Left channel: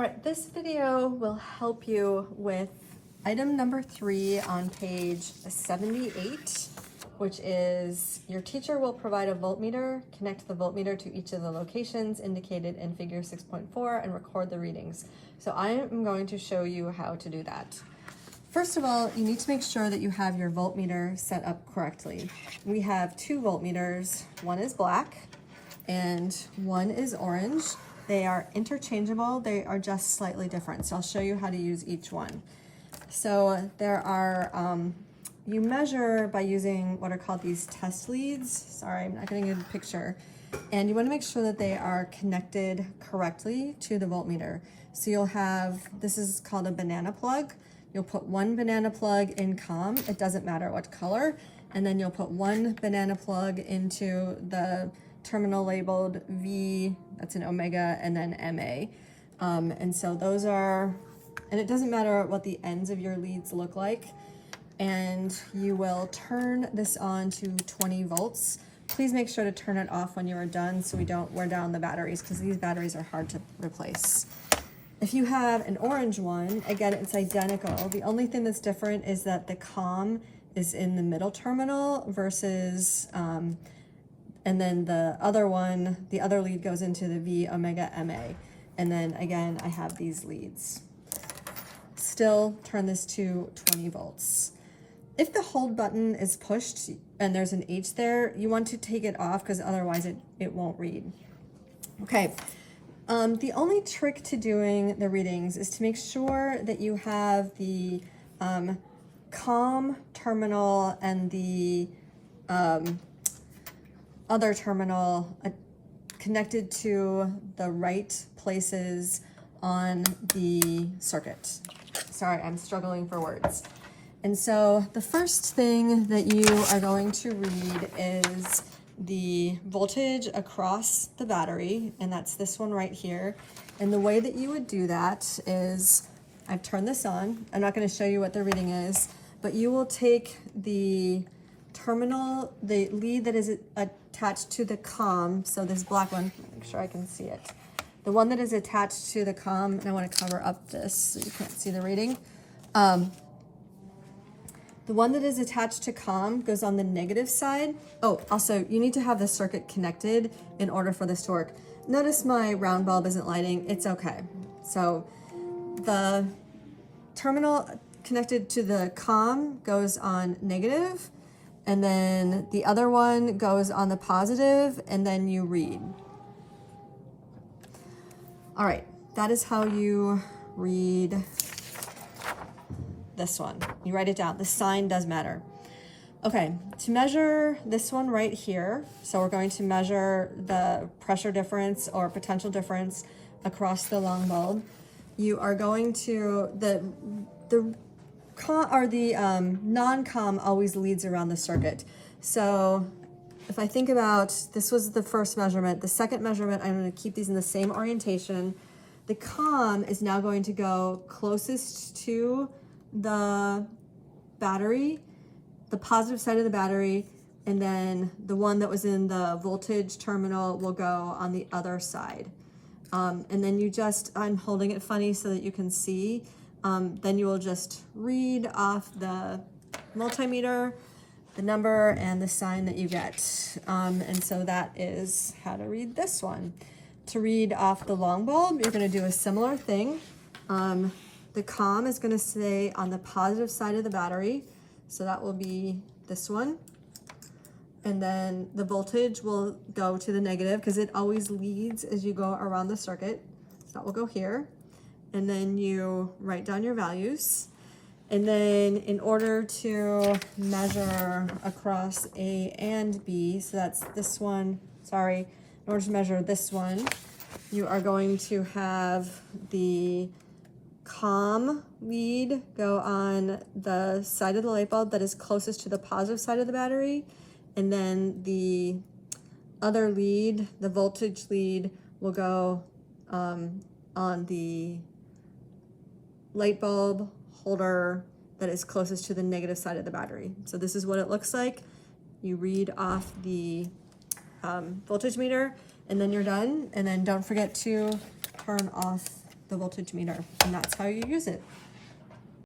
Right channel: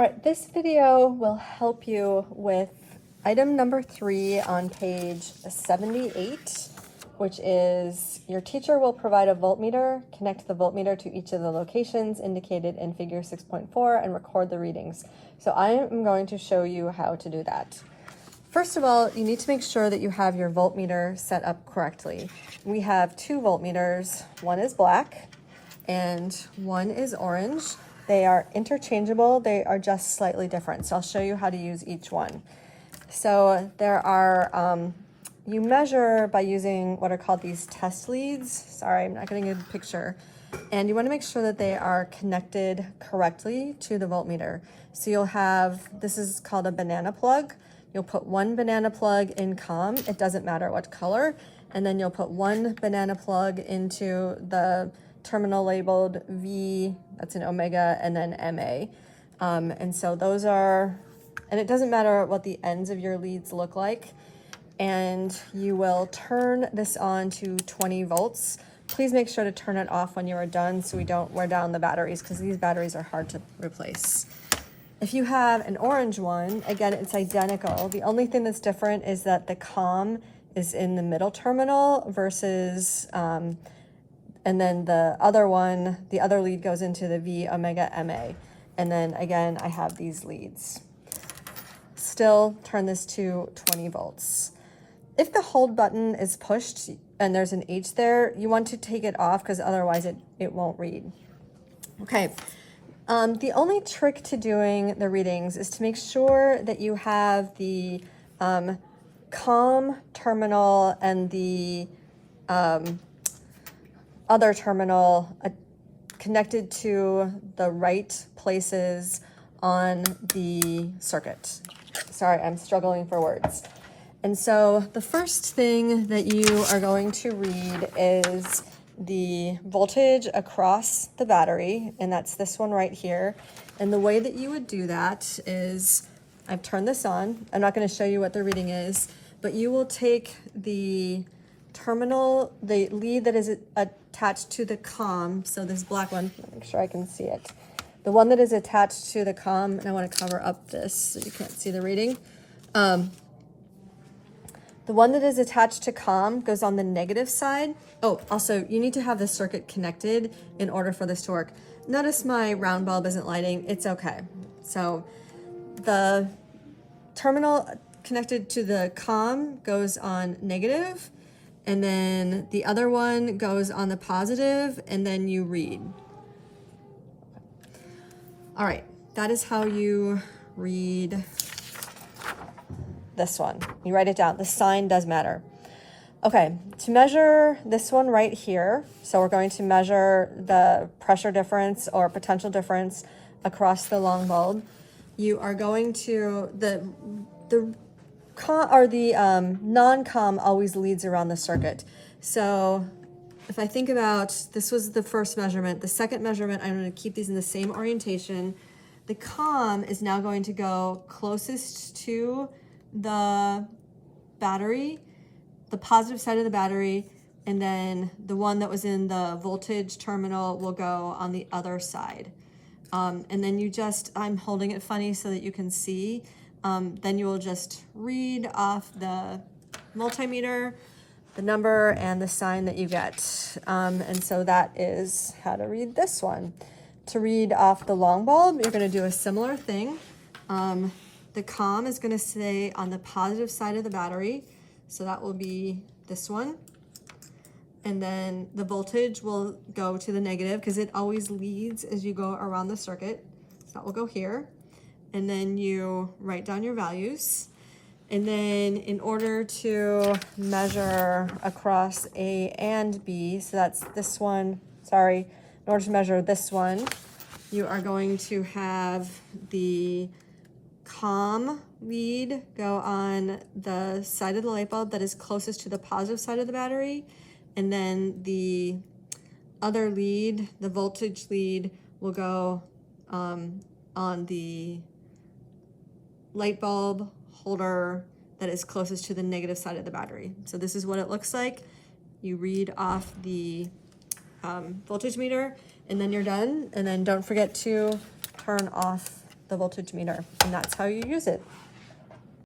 All right, this video will help you with item number 3 on page 78, which is your teacher will provide a voltmeter, connect the voltmeter to each of the locations indicated in figure 6.4 and record the readings. So I am going to show you how to do that. First of all, you need to make sure that you have your voltmeter set up correctly. We have 2 voltmeters. One is black and one is orange. They are interchangeable, they are just slightly different. So I'll show you how to use each one. So there are, you measure by using what are called these test leads. Sorry, I'm not getting a good picture. And you want to make sure that they are connected correctly to the voltmeter. So you'll have, this is called a banana plug. You'll put one banana plug in COM, it doesn't matter what color, and then you'll put one banana plug into the terminal labeled V, that's an omega, and then MA. And so those are, and it doesn't matter what the ends of your leads look like. And you will turn this on to 20 volts. Please make sure to turn it off when you are done so we don't wear down the batteries, because these batteries are hard to replace. If you have an orange one, again, it's identical. The only thing that's different is that the COM is in the middle terminal versus, and then the other one, the other lead goes into the V omega MA. And then again, I have these leads. Still turn this to 20 volts. If the hold button is pushed and there's an H there, you want to take it off because otherwise it won't read. Okay. The only trick to doing the readings is to make sure that you have the COM terminal and the other terminal connected to the right places on the circuit. Sorry, I'm struggling for words. And so the first thing that you are going to read is the voltage across the battery, and that's this one right here. And the way that you would do that is, I've turned this on. I'm not going to show you what the reading is, but you will take the terminal, the lead that is attached to the COM, so this black one, make sure I can see it. The one that is attached to the COM, and I want to cover up this so you can't see the reading. The one that is attached to COM goes on the negative side. Oh, also, you need to have the circuit connected in order for this to work. Notice my round bulb isn't lighting. It's okay. So the terminal connected to the COM goes on negative, and then the other one goes on the positive, and then you read. All right, that is how you read this one. You write it down. The sign does matter. Okay, to measure this one right here, so we're going to measure the pressure difference or potential difference across the long bulb. You are going to, the non-COM always leads around the circuit. So if I think about, this was the first measurement, the second measurement, I'm going to keep these in the same orientation. The COM is now going to go closest to the battery, the positive side of the battery, and then the one that was in the voltage terminal will go on the other side. And then you just, I'm holding it funny so that you can see, then you will just read off the multimeter, the number and the sign that you get. And so that is how to read this one. To read off the long bulb, you're going to do a similar thing. The COM is going to stay on the positive side of the battery, so that will be this one. And then the voltage will go to the negative because it always leads as you go around the circuit. So that will go here. And then you write down your values. And then in order to measure across A and B, so that's this one, sorry, in order to measure this one, you are going to have the COM lead go on the side of the light bulb that is closest to the positive side of the battery, and then the other lead, the voltage lead, will go on the light bulb holder that is closest to the negative side of the battery. So this is what it looks like. You read off the voltage meter, and then you're done. And then don't forget to turn off the voltage meter, and that's how you use it.